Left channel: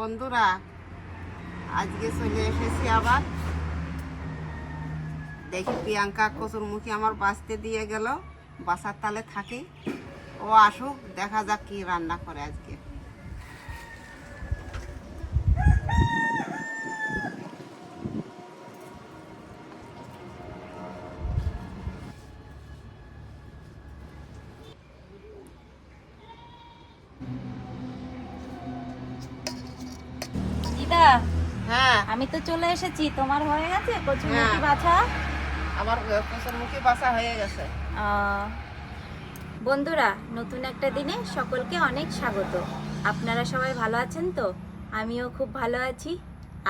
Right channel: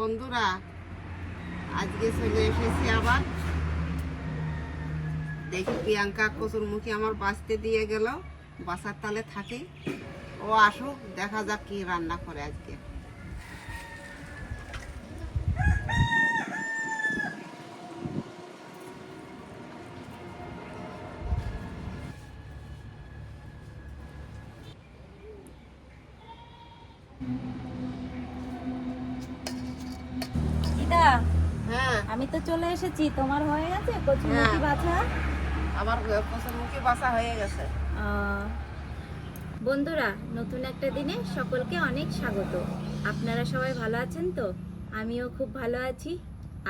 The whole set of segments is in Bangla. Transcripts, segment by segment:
বন্ধুরা, আজকে চলে এসেছি আবার। দেখি প্রিয়াঙ্কা কচুর মুখে আমার বাঁচতে দিয়ে গেল বাসার তালে থাকি। ও আসুক, দেখা যাক কি রান্না করে আজকে। দিদা আমি তো চলে এসেছি। তোমার হয়ে গেছে? কচুরমুখী হ্যাঁ। বাছা? আমার কচুর মুখে বাসা হয়ে গেছে। বন্ধুরা নতুন একটা দিনে সকলকে অনেক স্বাগত। আপনারা সবাই ভালো আছেন তো? আমিও খুব ভালো আছি।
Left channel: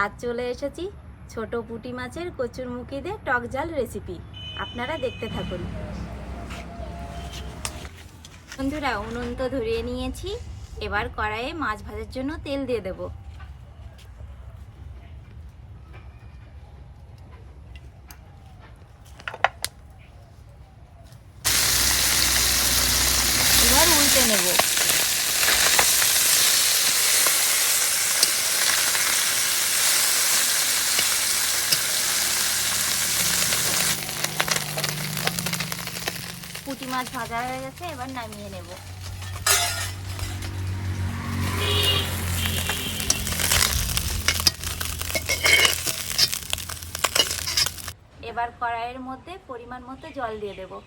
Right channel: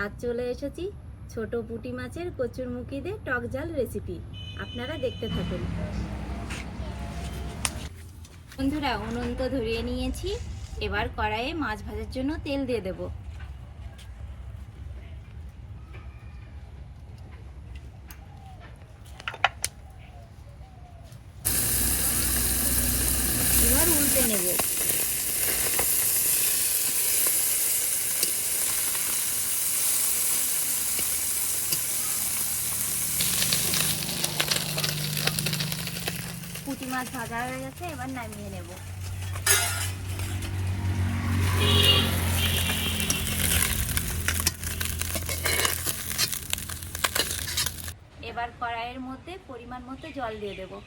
আজ চলে এসেছি ছোট পুঁটি মাছের কচুরমুখী দিয়ে টক ঝাল রেসিপি আপনারা দেখতে থাকুন। বন্ধুরা উনুন তো ধরিয়ে নিয়েছি। এবার কড়াইয়ে মাছ ভাজার জন্য তেল দিয়ে দেবো এবার উল্টে নেব পুঁটি মাছ ভাজা হয়ে গেছে, এবার নামিয়ে নেব। এবার কড়াইয়ের মধ্যে পরিমাণ মতো জল দিয়ে দেবো।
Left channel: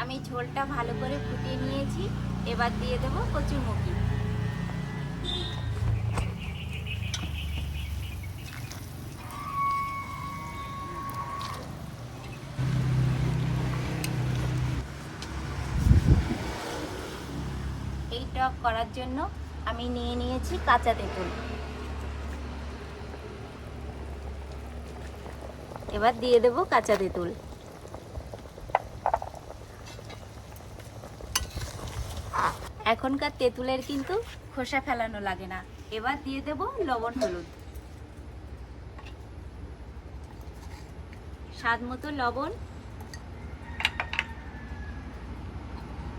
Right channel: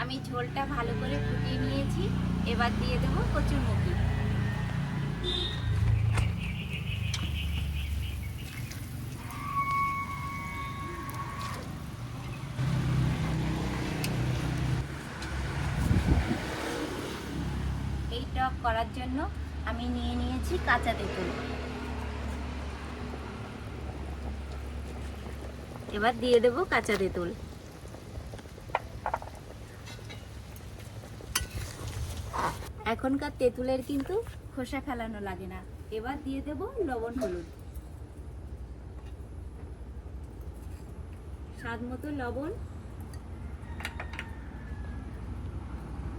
আমি ঝোলটা ভালো করে ফুটিয়ে নিয়েছি, এবার দিয়ে দেব কচুর টক করার জন্য আমি নিয়ে নিয়েছি কাঁচা তেঁতুল। এবার দিয়ে দেব কাঁচা তেঁতুল। এখনকার তেঁতুলের কিন্তু খোসা ফেলানো লাগে না। এবার দিয়ে দেব লবণ হলুদ। স্বাদ মতো লবণ,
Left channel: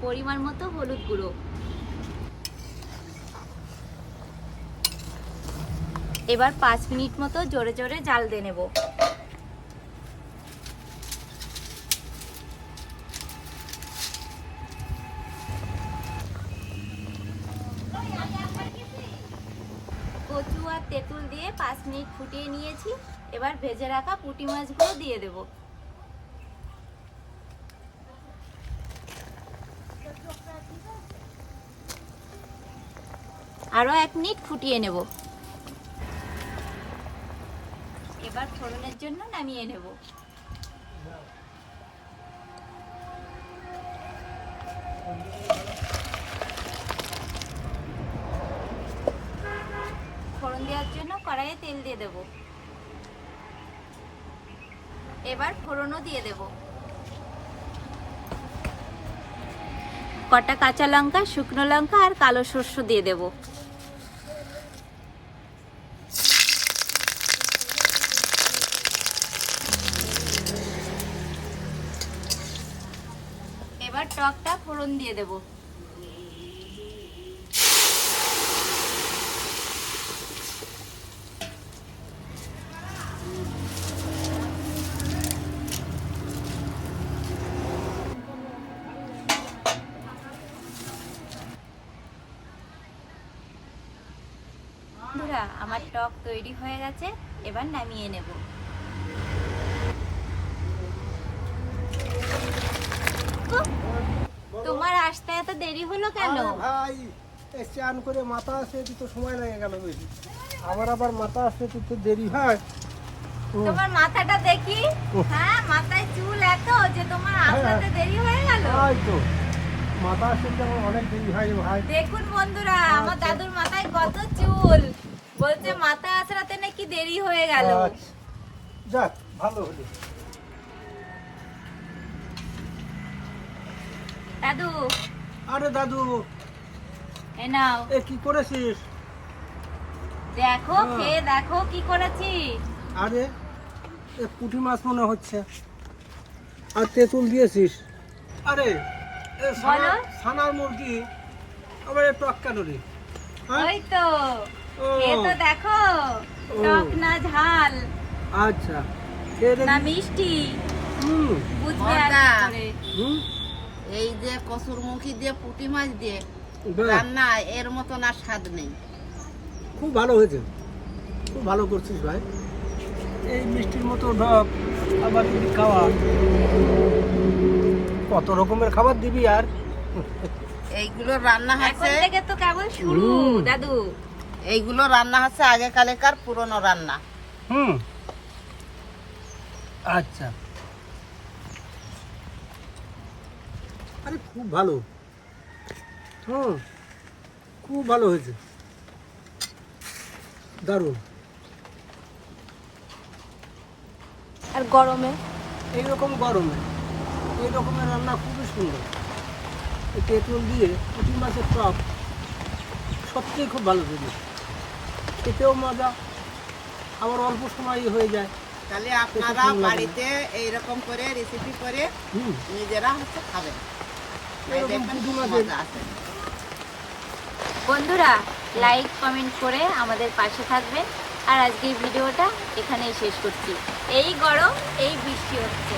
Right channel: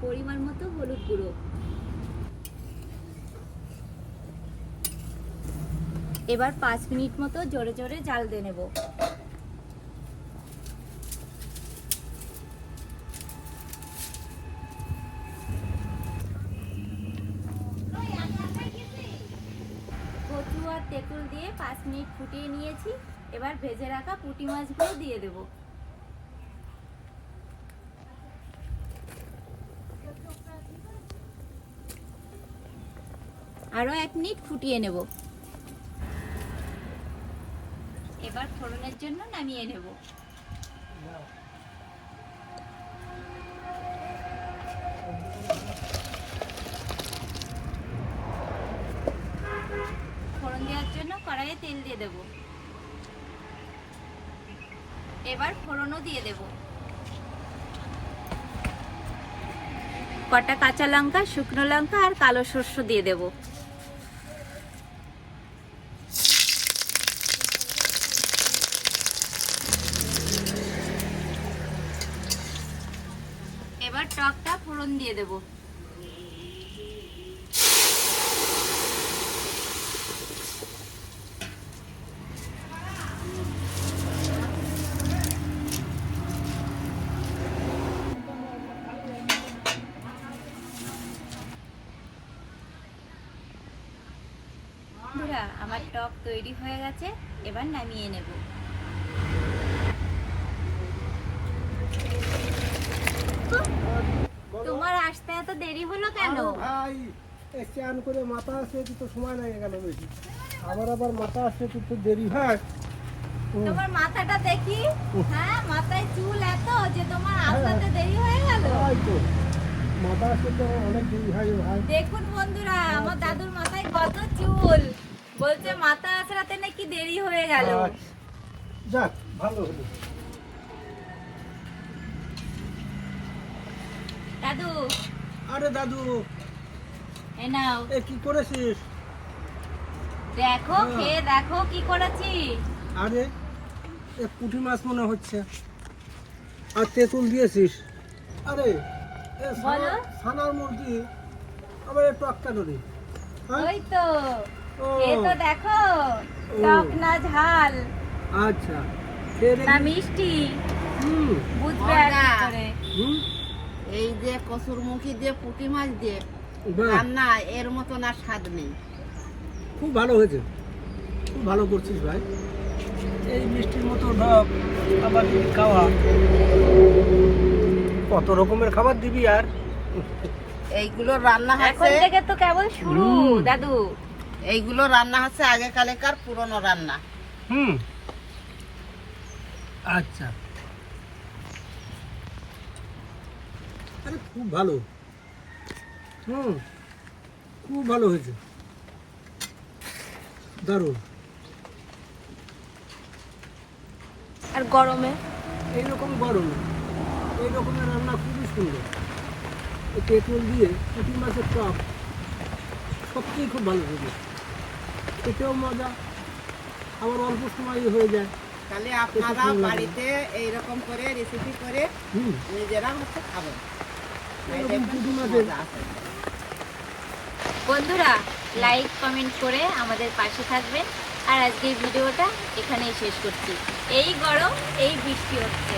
পরিমাণ মতো হলুদ গুঁড়ো। এবার পাঁচ মিনিট মতো জোরে জোরে জাল দিয়ে নেব। কচু আর তেঁতুল দিয়ে পাঁচ মিনিট ফুটিয়ে নিয়েছি। এবার ভেজে রাখা পুঁটি মাছগুলো দিয়ে দেব। আরও এক মিনিট ফুটিয়ে নেব। এবার ফোড়নের জন্য নামিয়ে নেব। ফোড়ন দেওয়ার জন্য কড়াইয়ে তেল দিয়ে দেব। এবার ফোড়নও দিয়ে দেব। কটা কাঁচা লঙ্কা, শুকনো লঙ্কা আর কালো শস্য দিয়ে দেব এবার টকটা ফোড়ন দিয়ে দেবো। আমার টক তৈরি হয়ে গেছে এবার নামিয়ে নেব। তোমার আসতে এত দেরি হলো কেন? ভাই চান করে মাথা আসতে তো সময় লাগে গেল বেশি। আমার আবার মাথা আসতে তো দেরি হয়। তোমার মাথাটা দেখি? হ্যাঁ মাথায় চুল এত যে তোমার আসতে দেরি হয়ে গেল? তো। মাথা আসতে তো অনেক দেরি হয় ভাই। দেখুন বন্ধুরা আমার দাদুর মাথায় কত চুল। বলছে মাথা আসরাতে নাকি দেরি হয়ে গেল। আচ্ছা। যাক ভালো হলো। দাদু। আরে দাদু এ নাও। এ কি করেছিস? দেখো হ্যাঁ। খেয়ে দেখো কি করেছি। আরে এ পুঁটি মাছ মনে হচ্ছে। আর তেঁতুল দিয়েছিস। আরে এ বলো। ছানার মুরগি। আবার একটু আক্কা ধরে হ্যাঁ? ওই তো। এ তো দেখো। টক না ঝাল। আচ্ছা। না মিষ্টি। হুম। বুঝবে কি। হুম? এই যে কসুর মুখি দিয়ে পুঁটি মাছ দিয়ে রান্না এর মতন আর স্বাদ নেই। খুব ভালো হয়েছে। খুব ভালো করছিস ভাই। এই মিষ্টির মতো ঢপ আবার যদি খাওয়া। কত রকমের খাবার দিবি আর? এইগুলো রান্না এখন হচ্ছে থেকে তো কেবল শুরু দাদু। এইগুলো রান্না হচ্ছে আগে কালেকার পুরনো রান্না। হুম। আচ্ছা। আরে খুব ভালো। হুম খুব ভালো হয়েছে। দারুণ। আর গরমে? এইরকম গরমে এই রকমের রান্না খুবই সুন্দর। এই তেঁতুল দিয়ে পুঁটি মাছের টক সত্যিই খুব ভালো হয়েছে। খেতেও মজা আবার অল্প সময়ই হয়ে যায়। তাহলে আপনারা বাড়িতে এইরকম করে রেসিপি করে হুম। নিজেরা হচ্ছে খাবেন। বন্ধুরা লাইক কমেন্ট করে আমাদের পাশে থাকবেন। আর আজকের ভিডিওটা এখানেই শেষ করছি। এই গরম, এই বৃষ্টি হচ্ছে।